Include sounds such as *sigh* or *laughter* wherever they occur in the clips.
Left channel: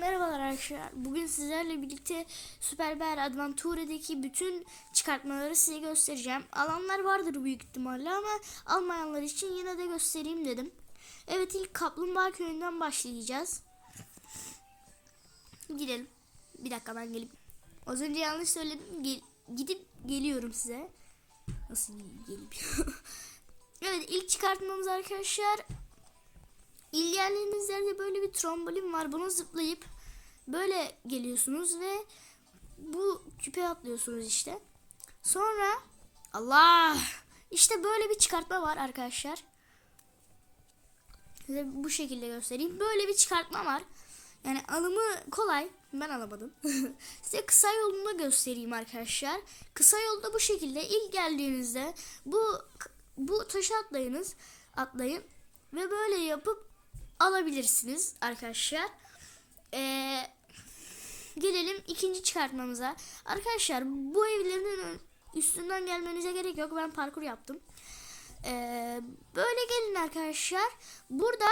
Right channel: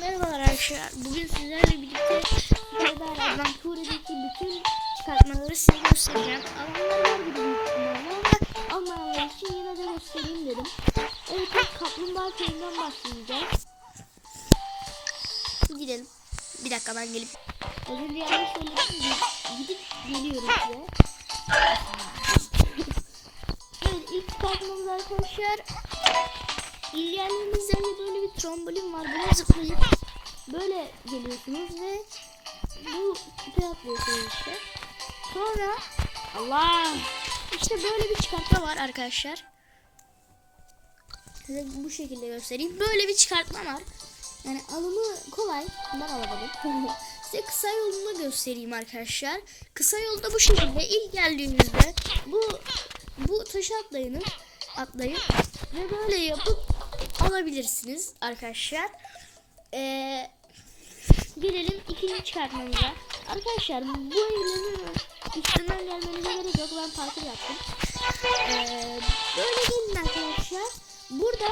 Merhabalar arkadaşlar. Bugün sizlerle birlikte Super Bear Adventure'daki bütün çıkartmaları size göstereceğim. Alanlar var gibi büyük ihtimalle ama almayanlar için yine de göstereyim dedim. Evet ilk Kaplumbağa Köyü'nden başlayacağız. Gidelim. Bir dakika ben gelip. Az önce yanlış söyledim. Gi- Gidip geliyorum size. *laughs* evet ilk çıkartmamız arkadaşlar İlgilendiğiniz yerde böyle bir trombolin var. Buna zıplayıp böyle geliyorsunuz ve bu küpe atlıyorsunuz işte. Sonra Allah işte böyle bir çıkartma var arkadaşlar. Size bu şekilde göstereyim. Böyle bir çıkartma var. Yani alımı kolay. Ben alamadım. *laughs* Size kısa yolunu göstereyim arkadaşlar. Kısa yolda bu şekilde ilk geldiğinizde bu bu taşı atlayınız. Atlayın ve böyle yapıp alabilirsiniz arkadaşlar. Ee, gelelim ikinci çıkartmamıza. Arkadaşlar bu evlerin üstünden gelmenize gerek yok. Ben parkur yaptım. Ee, böyle gelin arkadaşlar. Burada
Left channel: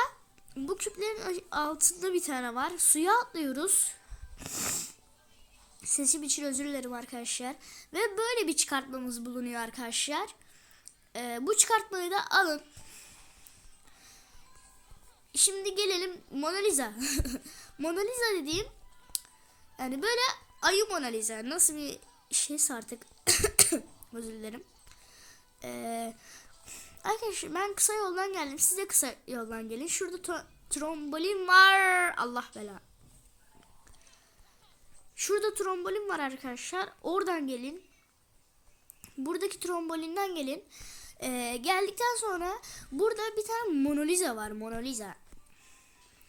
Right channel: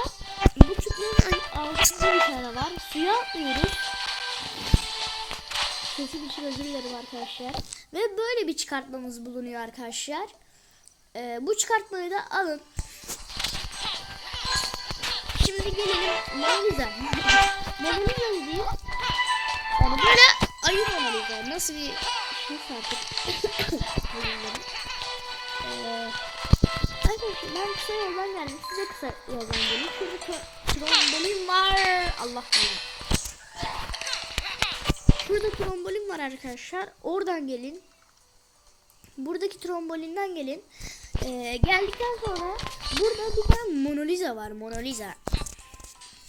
bu küplerin altında bir tane var. Suya atlıyoruz. Sesim için özür dilerim arkadaşlar. Ve böyle bir çıkartmamız bulunuyor arkadaşlar. Ee, bu çıkartmayı da alın. Şimdi gelelim Mona Lisa. *laughs* Mona Lisa dediğim yani böyle ayı Mona Lisa. Nasıl bir şeyse *coughs* artık. Ee, arkadaşlar ben kısa yoldan geldim. Siz de kısa yoldan gelin. Şurada trombolin var. Allah belanı. Şurada trombolin var arkadaşlar. Oradan gelin. Buradaki trombolinden gelin. Ee, geldikten sonra burada bir tane Mona Lisa var. Mona Lisa.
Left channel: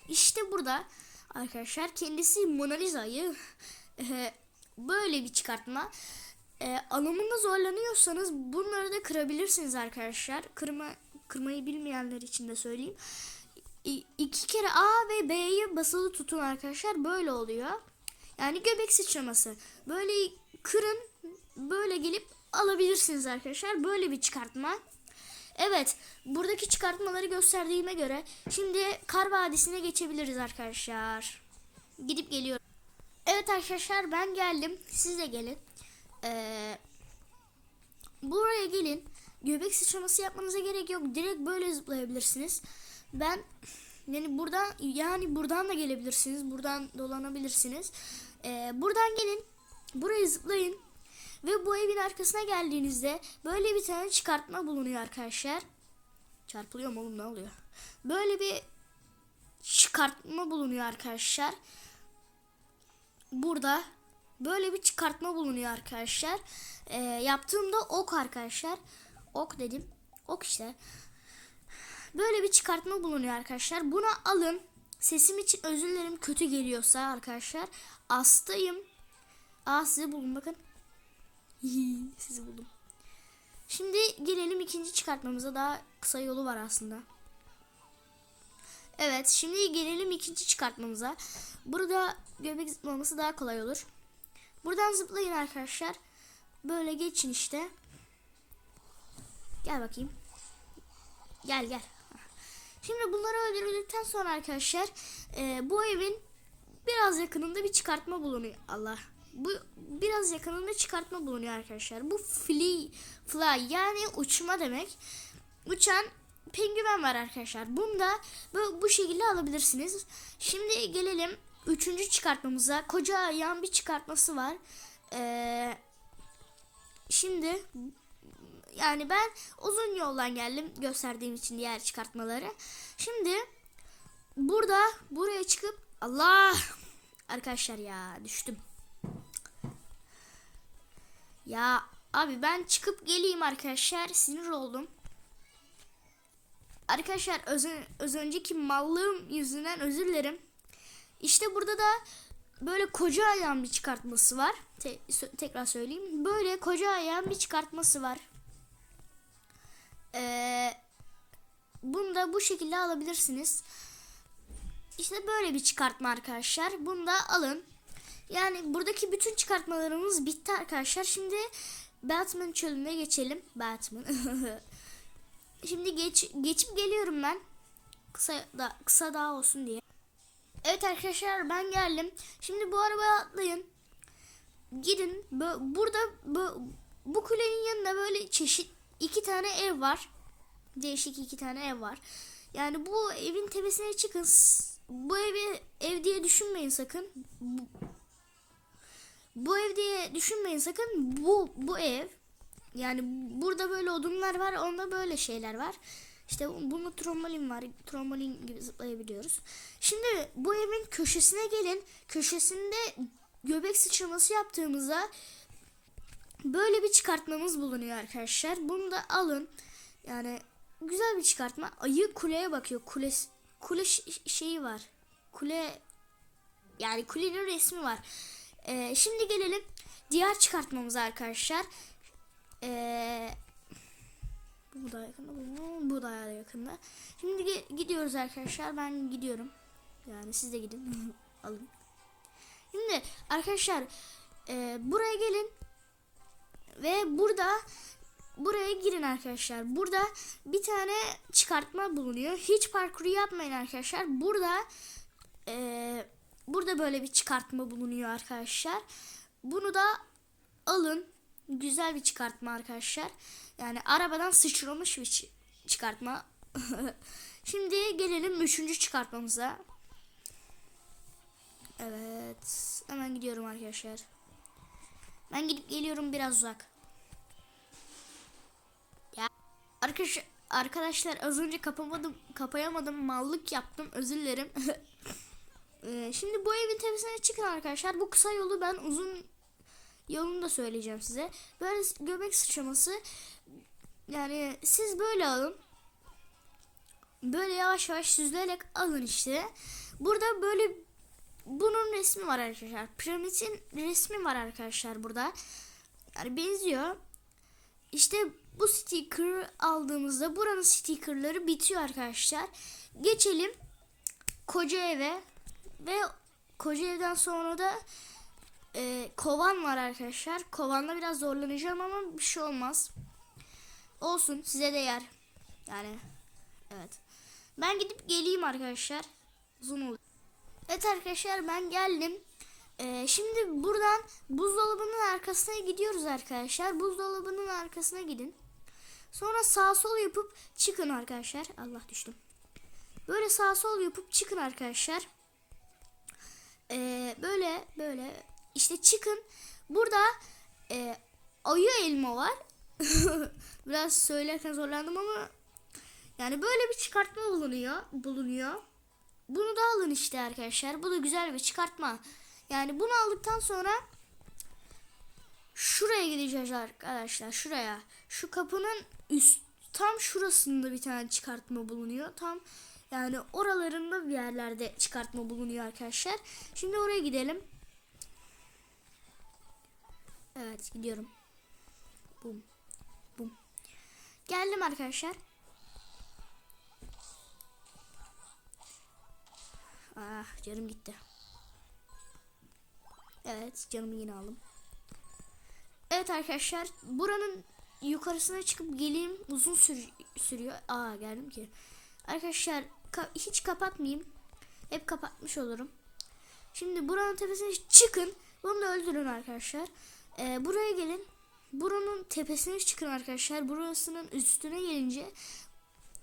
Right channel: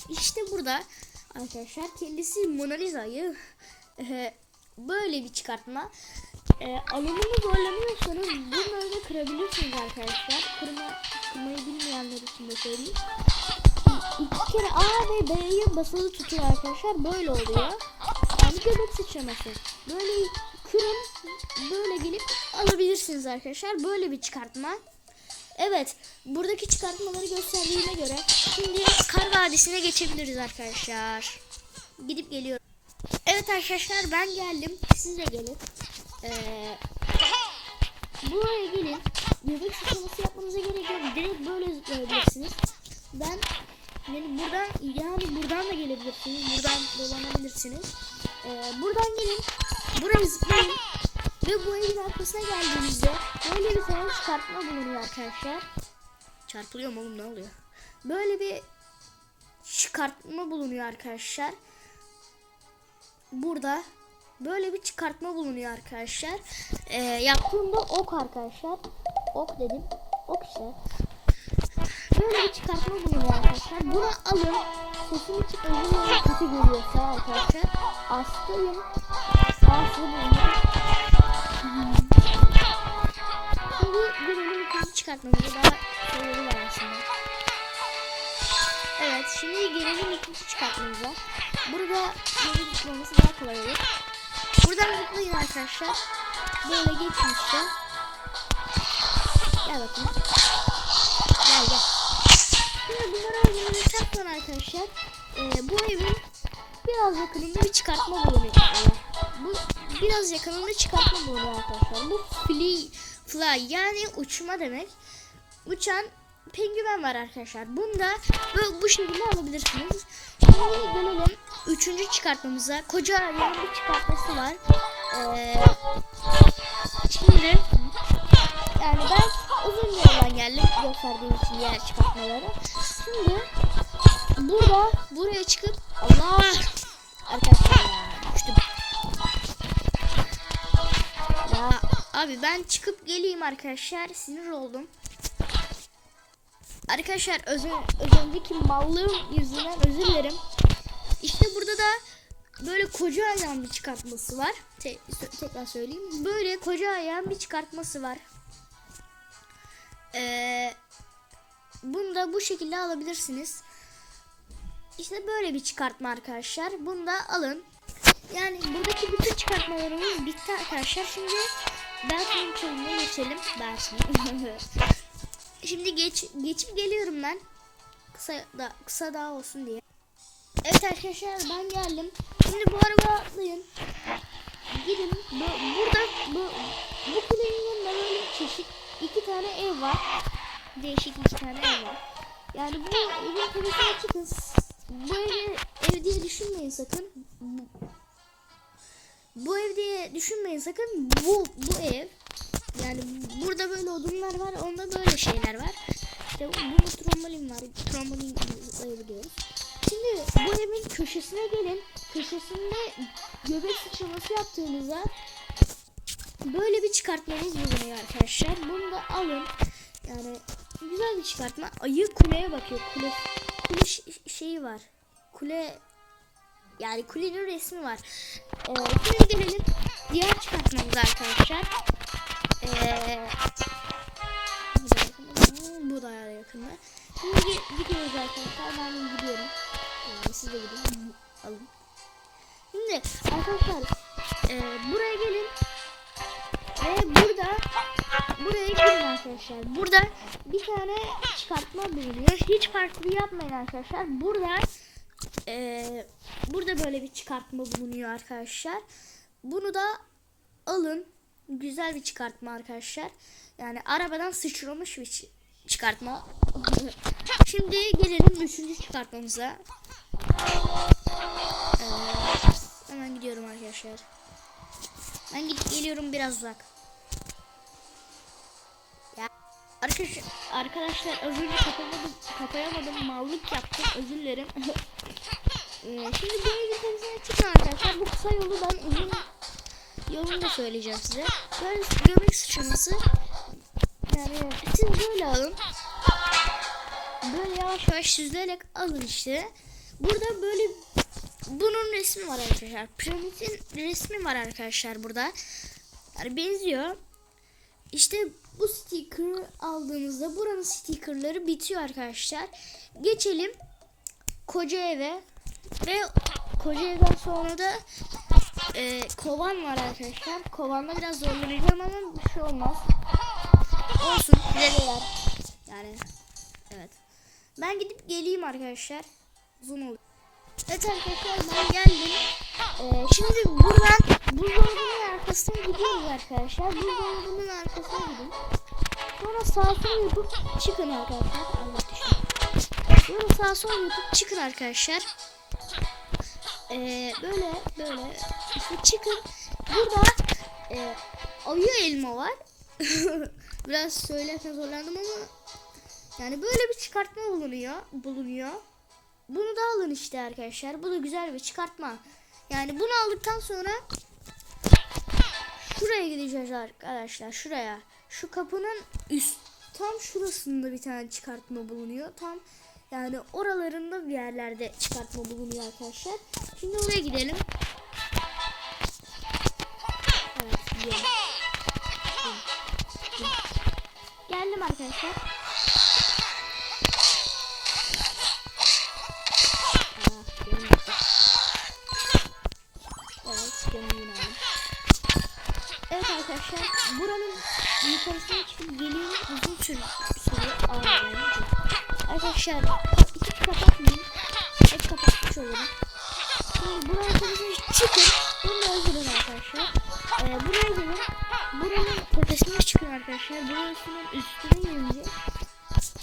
İşte burada arkadaşlar kendisi Mona Lisa'yı e, böyle bir çıkartma. E, alımını zorlanıyorsanız bunları da kırabilirsiniz arkadaşlar. Kırma, kırmayı bilmeyenler için de söyleyeyim. İ- iki kere A ve B'yi basılı tutun arkadaşlar. Böyle oluyor. Yani göbek sıçraması. Böyle kırın. Böyle gelip alabilirsiniz arkadaşlar. Böyle bir çıkartma. Evet. Buradaki çıkartmaları gösterdiğime göre şimdi Kar Vadisi'ne geçebiliriz arkadaşlar. Gidip geliyorum. Evet arkadaşlar ben geldim. Siz de gelin. Ee, buraya gelin. Göbek sıçraması yapmanıza gerek yok. Direkt böyle zıplayabilirsiniz. Ben yani buradan yani buradan da gelebilirsiniz. Buradan dolanabilirsiniz. Ee, buradan gelin. Buraya zıplayın. Ve bu evin arkasına geldiğinizde böyle bir tane çıkartma bulunuyor arkadaşlar. Çarpılıyor mu oğlum ne oluyor? Böyle bir çıkartma bulunuyor arkadaşlar. Burada böyle bir çıkartma bulunuyor arkadaşlar. Ee, yaptığımda ok arkadaşlar. Ok dedim. Ok işte. Böyle bir çıkartma bulunuyor arkadaşlar. Bunu alın. Sesim için özür dilerim kötü geliyorsa arkadaşlar. Hastayım. Bazı bulunuyor. Şimdi gelelim ikinci çıkartmamıza daha yolu var aslında. Evet şimdi gelelim ikinci çıkartmamıza. Burada yolu zıplaması daha kolay olur. Buradan zıplayın arkadaşlar. Böyle geçin işte. Gel bakayım. Gel gel. Şimdi bunları öğrendikten sonra arkadaşlar e, bu evin biraz yakınında bir çıkartma bulunuyor. Bu biraz yakınında çıkartma bulunuyor arkadaşlar. Bu fly, fly yani uçma demek. Uçan penguen var arkadaşlar. Bunu da bu, bu şekilde alabilirsiniz. Şimdi gelelim üçüncü çıkartmamıza. Koca ayağın bir çıkartması var. Ee, şimdi yani ben uzun yoldan geldim gösterdiğim için diğer çıkartmaları. Şimdi burada buraya çıkıp Allah arkadaşlar abi ben çıkıp geleyim arkadaşlar sinir oldum. Arkadaşlar öz, öz önceki mallığım yüzünden özür dilerim. İşte burada da böyle koca ayağın bir çıkartması var. Te- tekrar söyleyeyim. Böyle koca ayağın bir çıkartması var. Ee, bunu da bu şekilde alabilirsiniz. İşte böyle bir çıkartma arkadaşlar. Bunu da alın. Yani buradaki bütün çıkartmalarımız bitti arkadaşlar. Şimdi Batman çölüne geçelim. Batman. *laughs* Şimdi geç geçip geliyorum ben. Kısa da kısa daha olsun diye. Evet arkadaşlar ben geldim. Şimdi bu arabaya atlayın. Gidin. Bu- burada bu, bu kulenin yanında böyle çeşit iki tane ev var. Değişik iki tane ev var. Yani bu evin tepesine çıkın. Bu evi ev diye düşünmeyin sakın. Bu, bu ev diye düşünmeyin sakın. Bu bu ev. Yani burada böyle odunlar var. Onda böyle şeyler var. İşte bu, bu trombolin var. Trombolin zıplayabiliyoruz. Şimdi bu evin köşesine gelin. Köşesinde göbek sıçraması yaptığımızda böyle bir çıkartmamız bulunuyor arkadaşlar. Bunu da alın. Yani güzel bir çıkartma. Ayı kuleye bakıyor. Kule kule şeyi var. Kule yani kulenin resmi var. Ee, şimdi gelelim diğer çıkartmamıza arkadaşlar. Ee, bu da yakında. Şimdi gi- gidiyoruz arkadaşlar. Ben gidiyorum. Yani siz de gidin. Alın. Şimdi arkadaşlar e, buraya gelin ve burada buraya girin arkadaşlar. Burada bir tane çıkartma bulunuyor. Hiç parkuru yapmayın arkadaşlar. Burada e, burada böyle bir çıkartma bulunuyor arkadaşlar. Bunu da alın. Güzel bir çıkartma arkadaşlar. Yani arabadan sıçramış bir çı- çıkartma. *laughs* Şimdi gelelim üçüncü çıkartmamıza. Evet. Hemen gidiyorum arkadaşlar. Ben gidip geliyorum biraz uzak. Ya arkadaşlar arkadaşlar az önce kapamadım kapayamadım mallık yaptım özür dilerim. *laughs* Ee, Şimdi bu evin temizliğine çıkın arkadaşlar. Bu kısa yolu ben uzun yolunu da söyleyeceğim size. Böyle göbek sıçraması. Yani siz böyle alın. Böyle yavaş yavaş süzülerek alın işte. Burada böyle bunun resmi var arkadaşlar. Piramidin resmi var arkadaşlar burada. Yani benziyor. İşte bu sticker aldığımızda buranın stickerları bitiyor arkadaşlar. Geçelim koca eve ve koca evden sonra da e, kovan var arkadaşlar. Kovanda biraz zorlanacağım ama bir şey olmaz. Olsun size de yer. Yani evet. Ben gidip geleyim arkadaşlar. Uzun olur. Evet arkadaşlar ben geldim. Ee, şimdi buradan buzdolabının arkasına gidiyoruz arkadaşlar. Buzdolabının arkasına gidin. Sonra sağ sol yapıp çıkın arkadaşlar. Allah düştü. Böyle sağ sol yapıp çıkın arkadaşlar. Ee, böyle böyle işte çıkın. Burada e, ayı elma var. *laughs* Biraz söylerken zorlandım ama yani böyle bir çıkartma bulunuyor. Bulunuyor. Bunu da alın işte arkadaşlar. Bu da güzel bir çıkartma. Yani bunu aldıktan sonra şuraya gideceğiz arkadaşlar. Şuraya. Şu kapının üst tam şurasında bir tane çıkartma bulunuyor. Tam yani oralarında bir yerlerde çıkartma bulunuyor arkadaşlar. Şimdi oraya gidelim. Evet gidelim. Geldim arkadaşlar. Ah canım gitti. Evet canım yine aldım. Evet arkadaşlar buranın yukarısına çıkıp geleyim uzun sür sürüyor. Aa ki. Arkadaşlar ka- hiç kapatmayın. Hep kapatmış olurum. Şimdi buranın tepesine çıkın. Bunu da öldürün arkadaşlar. Ee, buraya gelin. Buranın tepesine çıkın arkadaşlar. Burasının üstüne gelince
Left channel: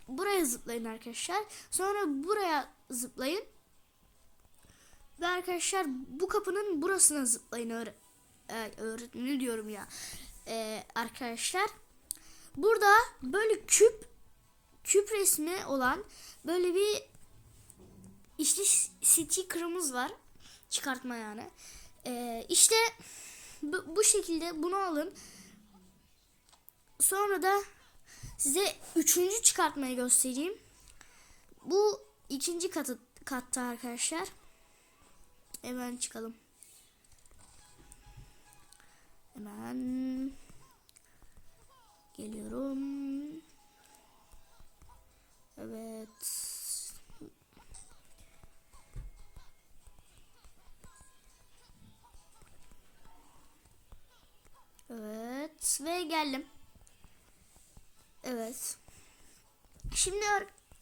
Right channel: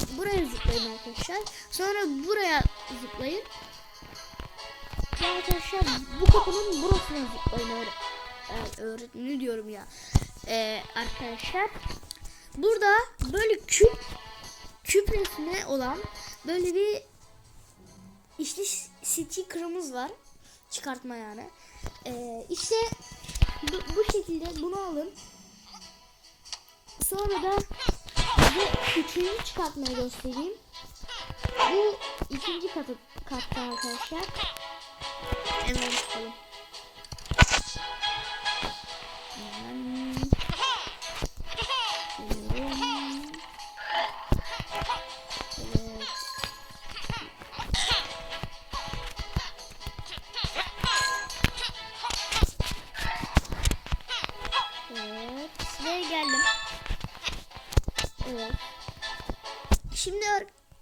buraya zıplayın arkadaşlar. Sonra buraya zıplayın. Ve arkadaşlar bu kapının burasına zıplayın öğre evet, öğretmeni diyorum ya. Ee, arkadaşlar burada böyle küp resmi olan böyle bir işte sticker'ımız var. Çıkartma yani. Ee, işte bu, bu şekilde bunu alın. Sonra da size üçüncü çıkartmayı göstereyim. Bu ikinci katı katta arkadaşlar. Hemen çıkalım.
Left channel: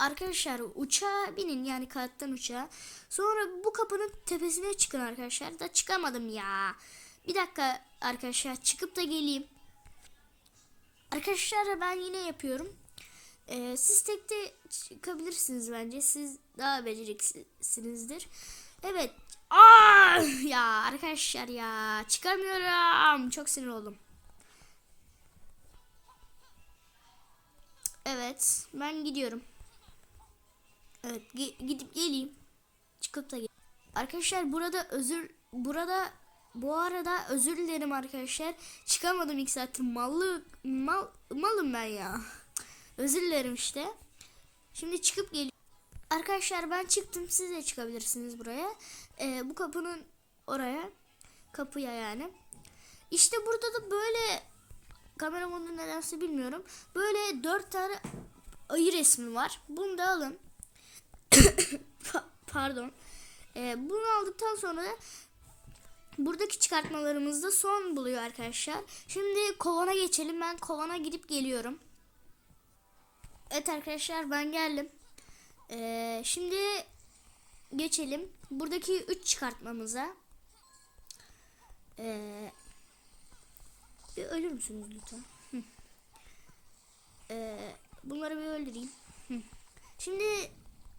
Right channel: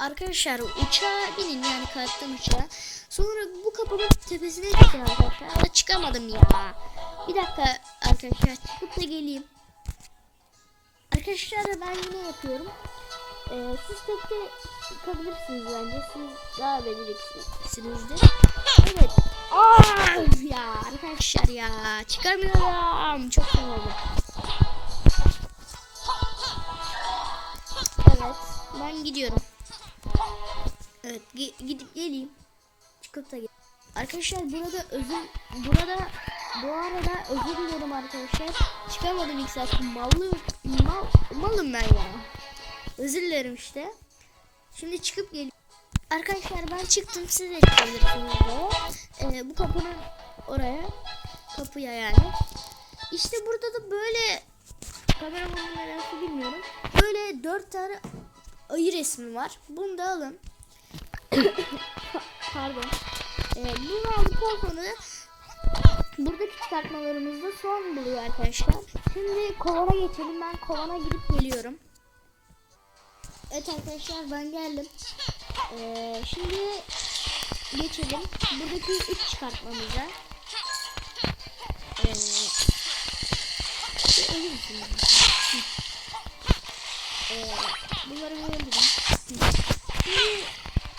Arkadaşlar uçağa binin yani kalktım uçağa. Sonra bu kapının tepesine çıkın arkadaşlar. Ama çıkamadım ya. Bir dakika arkadaşlar çıkıp da geleyim. Arkadaşlar ben yine yapıyorum. Ee, siz tek de çıkabilirsiniz bence. Siz daha beceriksizsinizdir. Evet. Aa, *laughs* ya arkadaşlar ya çıkamıyorum. Çok sinir. Evet, ben gidiyorum. Evet, gi- gidip geleyim. Çıkıp da gel. Arkadaşlar burada özür burada bu arada özür dilerim arkadaşlar. Çıkamadım ilk saat. Mallı mal, malım ben ya. Özür dilerim işte. Şimdi çıkıp gel. Arkadaşlar ben çıktım. Siz de çıkabilirsiniz buraya. Ee, bu kapının oraya. Kapıya yani. İşte burada da böyle kameramanın nedense bilmiyorum. Böyle dört tane ayı resmi var. Bunu da alın. *coughs* Pardon. Ee, bunu aldıktan sonra da buradaki çıkartmalarımızda son buluyor arkadaşlar. Şimdi kovana geçelim. Ben kovana gidip geliyorum. Evet arkadaşlar ben geldim. Ee, şimdi geçelim. Buradaki üç çıkartmamıza. Ee, ölür müsünüz? Ee, bunları bir öldürün. Şimdi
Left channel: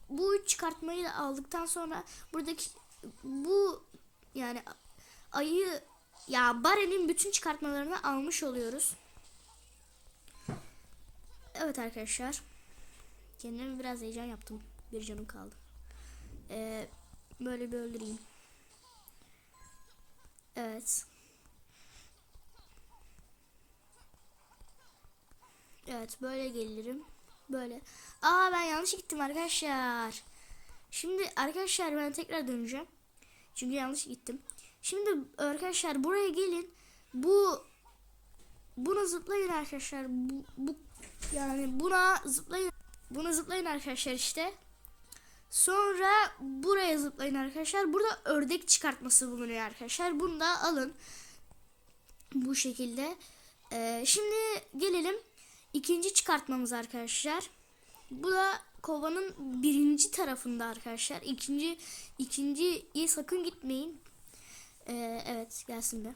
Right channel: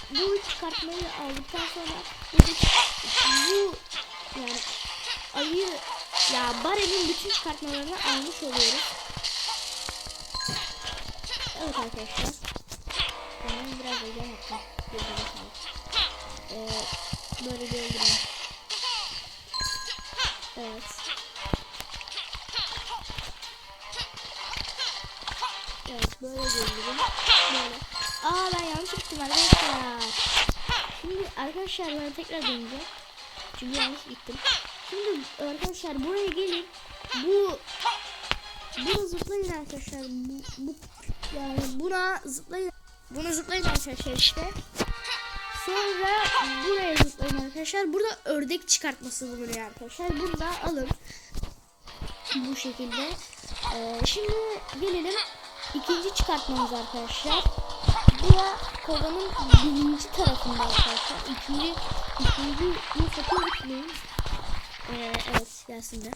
bu çıkartmayı aldıktan sonra buradaki bu yani ayı ya Bare'nin bütün çıkartmalarını almış oluyoruz. Evet arkadaşlar. Kendimi biraz heyecan yaptım. Canım kaldı. Ee, böyle bir öldüreyim. Evet. Böyle öldüreyim. Böyle. Aa ben yanlış gittim arkadaşlar. Şimdi arkadaşlar ben tekrar döneceğim. Çünkü yanlış gittim. Şimdi arkadaşlar buraya gelin. Bu bunu zıplayın arkadaşlar. Bu, bu yani buna zıplayın. Bunu zıplayın arkadaşlar işte. Sonra buraya zıplayın arkadaşlar. Burada ördek çıkartması bulunuyor arkadaşlar. Bunu da alın. Bu şekilde. Ee, şimdi gelelim ikinci çıkartmamız arkadaşlar. Bu da kovanın birinci tarafında arkadaşlar. İkinci ikinciyi sakın gitmeyin. Ee, evet gelsin de.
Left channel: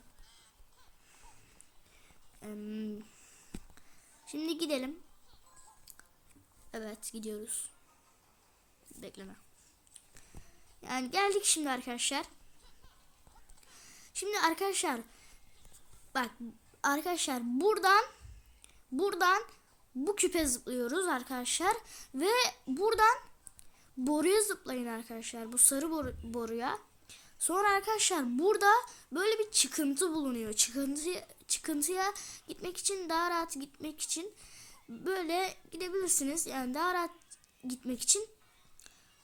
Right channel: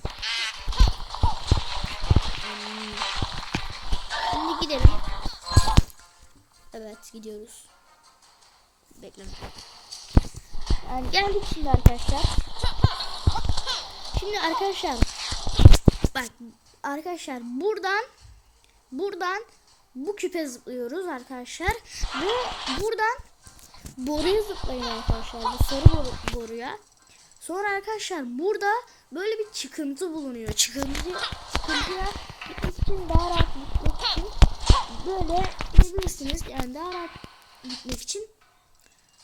Şimdi gidelim. Evet gidiyoruz. Bekleme. Yani geldik şimdi arkadaşlar. Şimdi arkadaşlar bak arkadaşlar buradan buradan bu küpe zıplıyoruz arkadaşlar ve buradan boruya zıplayın arkadaşlar bu sarı boru, boruya. Sonra arkadaşlar burada böyle bir çıkıntı bulunuyor. Çıkıntı çıkıntıya gitmek için daha rahat gitmek için böyle gidebilirsiniz. Yani daha rahat gitmek için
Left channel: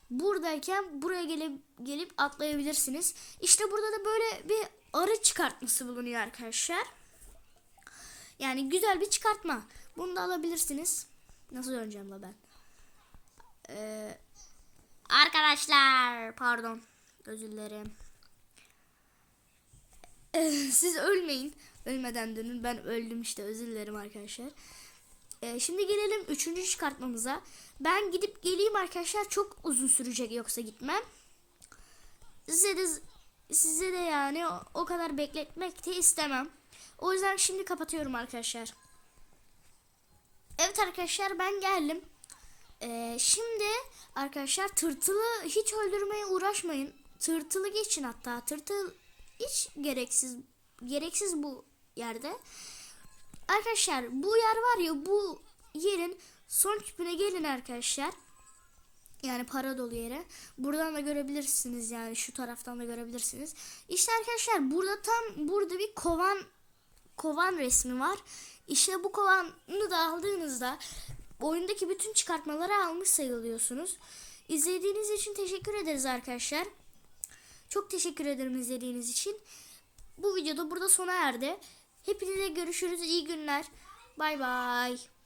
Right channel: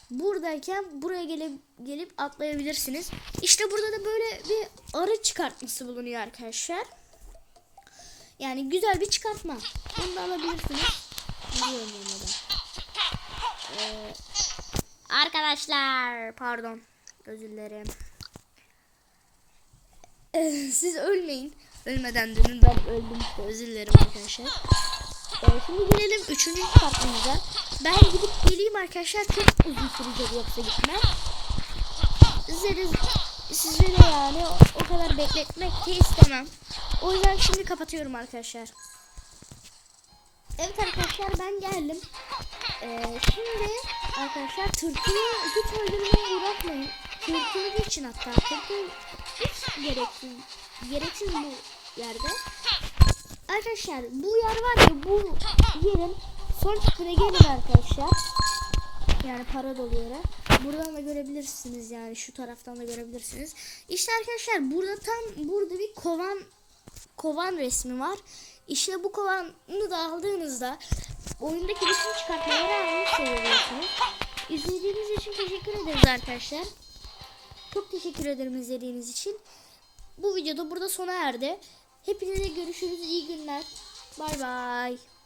buradayken buraya gelip gelip atlayabilirsiniz. İşte burada da böyle bir arı çıkartması bulunuyor arkadaşlar. Yani güzel bir çıkartma. Bunu da alabilirsiniz. Ben da. Ee, arkadaşlar pardon. Özür dilerim. Ee, siz ölmeyin. Ölmeden dönün. Ben öldüm işte. Özür dilerim arkadaşlar. Ee, şimdi gelelim üçüncü çıkartmamıza. Ben gidip geleyim arkadaşlar. Çok uzun sürecek yoksa gitmem. Size de, size de yani o, o kadar bekletmek de istemem. O yüzden şimdi kapatıyorum arkadaşlar. Evet arkadaşlar ben geldim. Ee, şimdi arkadaşlar tırtılı hiç öldürmeye uğraşmayın. Tırtılı geçin hatta. Tırtıl hiç gereksiz gereksiz bu yerde. Arkadaşlar bu yer var ya bu yerin son tipine gelin arkadaşlar. Yani para dolu yere. Buradan da görebilirsiniz yani şu taraftan da görebilirsiniz. İşte arkadaşlar burada tam burada bir kovan kovan resmi var. İşte bu kovanı da aldığınızda oyundaki bütün çıkartmaları almış sayılıyorsunuz. İzlediğiniz için teşekkür ederiz arkadaşlar. Çok teşekkür ederim izlediğiniz için. Bu videoda burada sona erdi. Hepinize görüşürüz. İyi günler. Bay bay.